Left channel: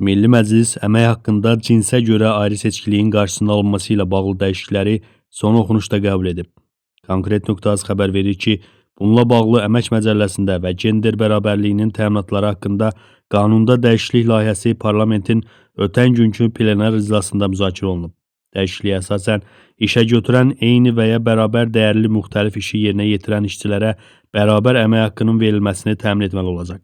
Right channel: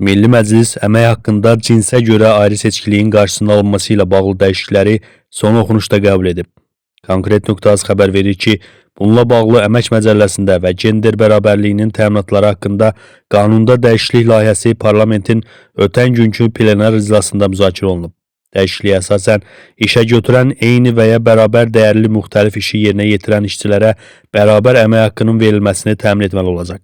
Milli Məclis əmək haqqında cinsə görə ayrı seçkiliyin qarşısının alınması ilə bağlı dəyişiklikləri son oxunuşda qəbul edib. Konkret.az xəbər verir ki, bununla bağlı Əmək Məcəlləsində və gender bərabərliyinin təminatları haqqında qanunda dəyişiklik layihəsi parlamentin ötən günkü plenar iclasında müzakirə olunub. Dəyişikliyə əsasən işə götürən eyni və ya bərabər dəyərli müxtəlif işi yerinə yetirən işçilərə bərabər əmək haqqının verilməsini təmin etməli olacaq.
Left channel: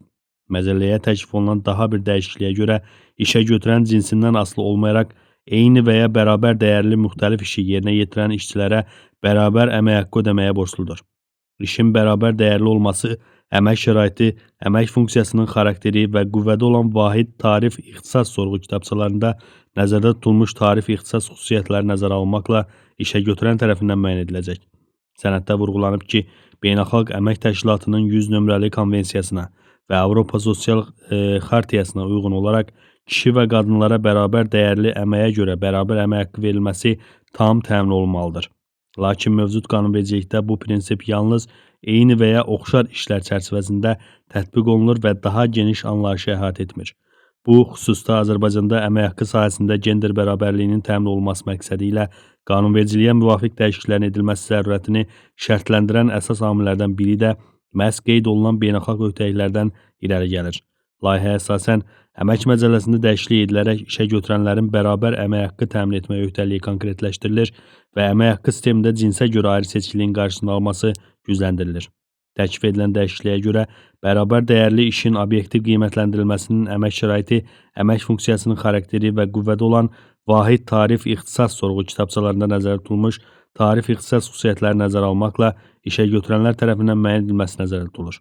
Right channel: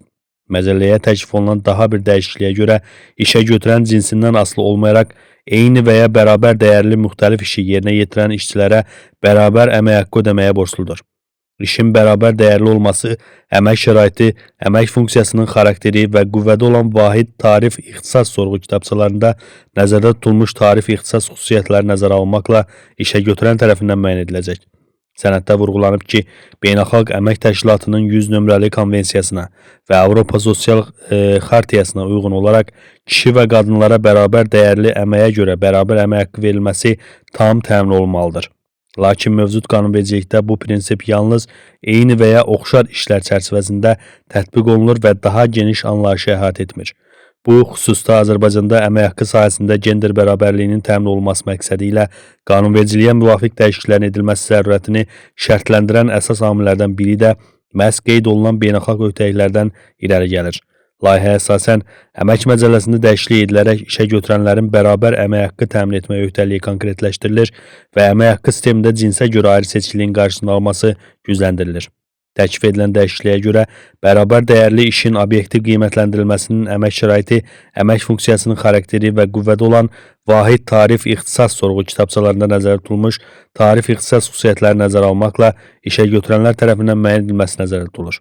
Məcəlləyə təklif olunan daha bir dəyişikliyə görə işə götürən cinsindən asılı olmayaraq eyni və ya bərabər dəyərli müxtəlif işi yerinə yetirən işçilərə bərabər əmək haqqı ödəməyə borcludur. İşin bərabər dəyərli olması, əmək şəraiti, əmək funksiyasının xarakteri və qüvvədə olan vahid tarif ixtisas sorğu kitabçalarında nəzərdə tutulmuş tarif ixtisas xüsusiyyətləri nəzərə alınmaqla işə götürən tərəfindən müəyyən ediləcək. Sənəddə vurğulanıb ki, Beynəlxalq Əmək Təşkilatının 100 nömrəli konvensiyasına və Avropa Sosial Xartiyasına uyğun olaraq kişi və qadınlara bərabər dəyərli əməyə görə bərabər əmək haqqı verilməsi tam təmin olunmalıdır. Lakin mövcud qanunvericilikdə bu prinsip yalnız eyni və ya oxşar işlər çərçivəsində tətbiq olunur və daha geniş anlayışı əhatə etmir. Bu xüsusda Azərbaycanda əmək haqqı sahəsində gender bərabərliyinin təmin olunması məqsədi ilə qanunvericiliyə müvafiq dəyişikliklərin edilməsi zərurətini şərtləndirən əsas amillərdən biri də məhz qeyd olunan beynəlxalq öhdəliklərdən irəli gəlir. Layihəyə əsasən Əmək Məcəlləsində dəyişiklik edilərək işə götürənlərin bərabər əmək haqqı təmin etmə öhdəliyi konkretləşdirilir və əmək haqqı sistemində cinsə görə ayrı seçkiliyin qarşısının alınması gücləndirilir. Təklif edilən dəyişikliyə görə bərabər dəyərli işin obyektiv qiymətləndirilməsinin əmək şəraiti, əmək funksiyasının xarakteri və qüvvədə olan vahid tarif ixtisas sorğu kitabçalarında nəzərdə tutulmuş tarif ixtisas xüsusiyyətləri nəzərə almaqla işə götürənlər tərəfindən müəyyən edilməsi nəzərdə tutulur.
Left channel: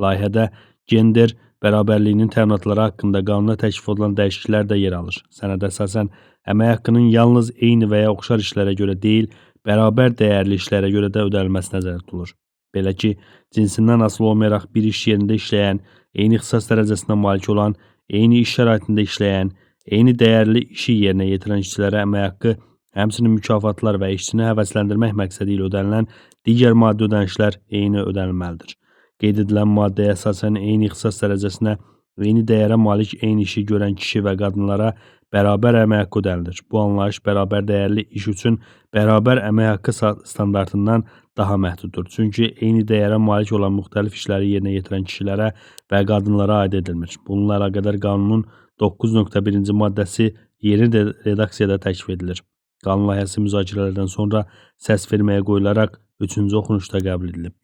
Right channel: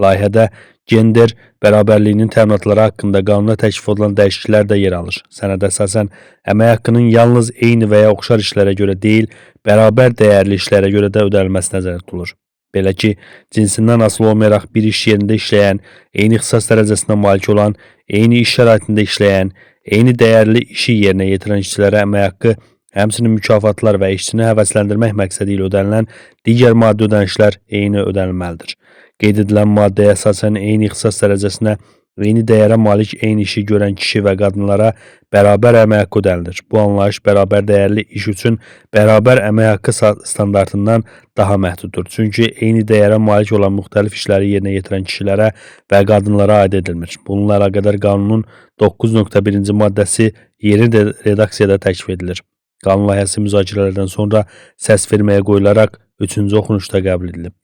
Layihədə gender bərabərliyinin təminatları haqqında qanuna təklif olunan dəyişikliklər də yer alır. Sənədə əsasən əmək haqqının yalnız eyni və ya oxşar işlərə görə deyil, bərabər dəyərli işlərə görə də ödənilməsi nəzərdə tutulur. Belə ki, cinsindən asılı olmayaraq bir iş yerində işləyən, eyni ixtisas dərəcəsinə malik olan, eyni iş şəraitində işləyən, eyni dəyərli işi yerinə yetirən işçilərə əmək haqqı, həmçinin mükafatlar və işçini həvəsləndirmək məqsədi ilə ödənilən digər maddi ödənişlər eyni ödənilməlidir. Qeyd edilən maddəyə əsasən eyni ixtisas dərəcəsinə, eyni dəyərə malik eyni işi görən kişi və qadınlara bərabər əmək haqqı ödənilir. Bu anlayış bərabər dəyərli iş üçün bərabər əmək haqqı standartından daha məhduddur. Çünki eyni dəyərə malik olan müxtəlif işləri yerinə yetirən kişilərə və qadınlara aid edilmir. Bununla əlaqədar qanunun 9.1-ci maddəsi yeni redaksiyada təklif edilir. Qanun layihəsi müzakirələrdən sonra səs verməyə qoyularaq 3-cü oxunuşda qəbul edilib.